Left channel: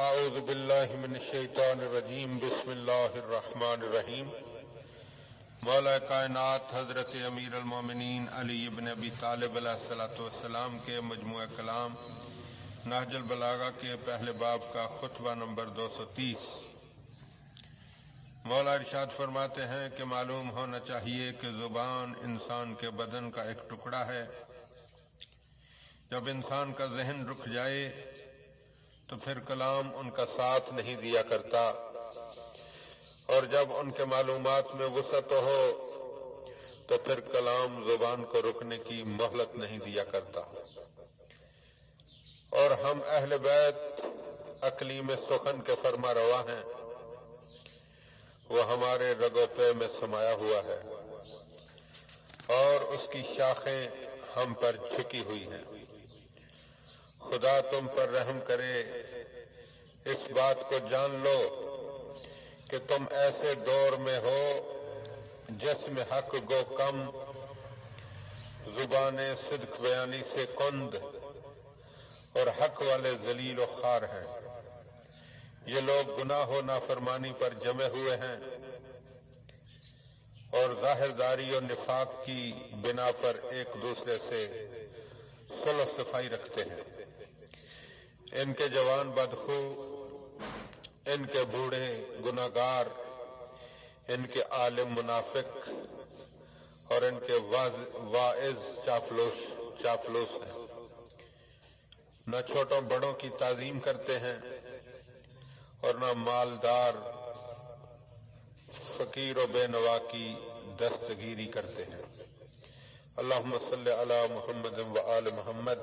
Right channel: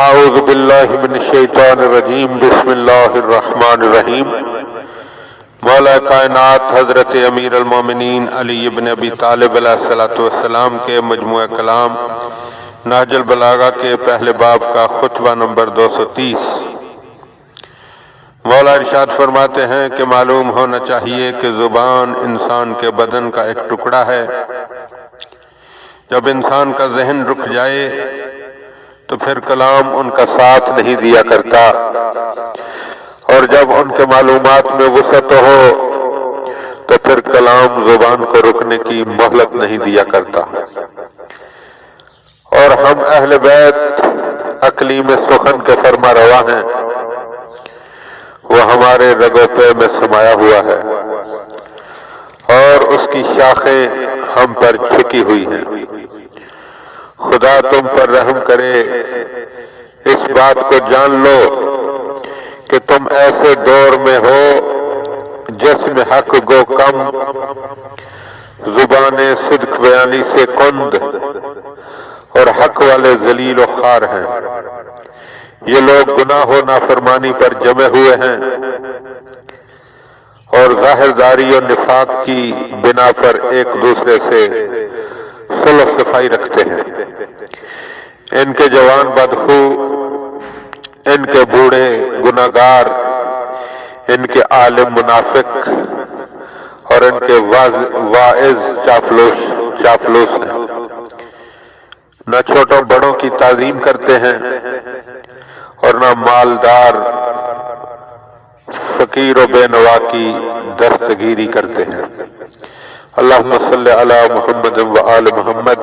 اعوذ باللہ من الشیطان الرجیم بسم اللہ الرحمن الرحیم۔ مولا کائنات حضرت امیر المومنین علی ابن ابی طالب علیہ السلام کے مجموعہ کلام نہج البلاغہ کے پہلے باب کا خطبہ نمبر 230۔ مولا ارشاد فرماتے ہیں کہ معلوم ہونا چاہیے کہ زبان انسان کے بدن کا ایک ٹکڑا ہے۔ جب انسان کا ذہن رک جائے تو پھر کلام ان کا ساتھ نہیں دیا کرتا، اور جب ان کے معلومات میں وسعت ہو تو پھر کلام زبان کو رکنے کی مہلت نہیں دیا کرتا۔ اور ہم اہل بیت اقلیم سخن کے فرما روا ہیں، وہ ہمارے رگوں پہ میں سمایا ہوا ہے اور اس کی شاخیں ہم پر جھکی ہوئی ہیں۔ خدا تم پر رحم کرے، اس بات کو جان لو کہ تم ایسے دور میں ہو جس میں حق گو کم، زبان صدق بیانی سے کند، اور حق والے ذلیل و خوار ہیں۔ یہ لوگ گناہ و نافرمانی پر جمے ہوئے ہیں اور ظاہر داری و نفاق کی بنا پر ایک دوسرے سے صلح صفائی رکھتے ہیں۔ ان کے جوان بدخو، ان کے بوڑھے گناہگار، ان کے عالم منافق اور ان کے واعظ چاپلوس ہیں۔ نہ چھوٹوں بڑوں کی تعظیم کرتے ہیں اور نہ مالدار فقیر و بے نوا کی دستگیری کرتے ہیں۔ اللہم صلی علی محمد و آل محمد۔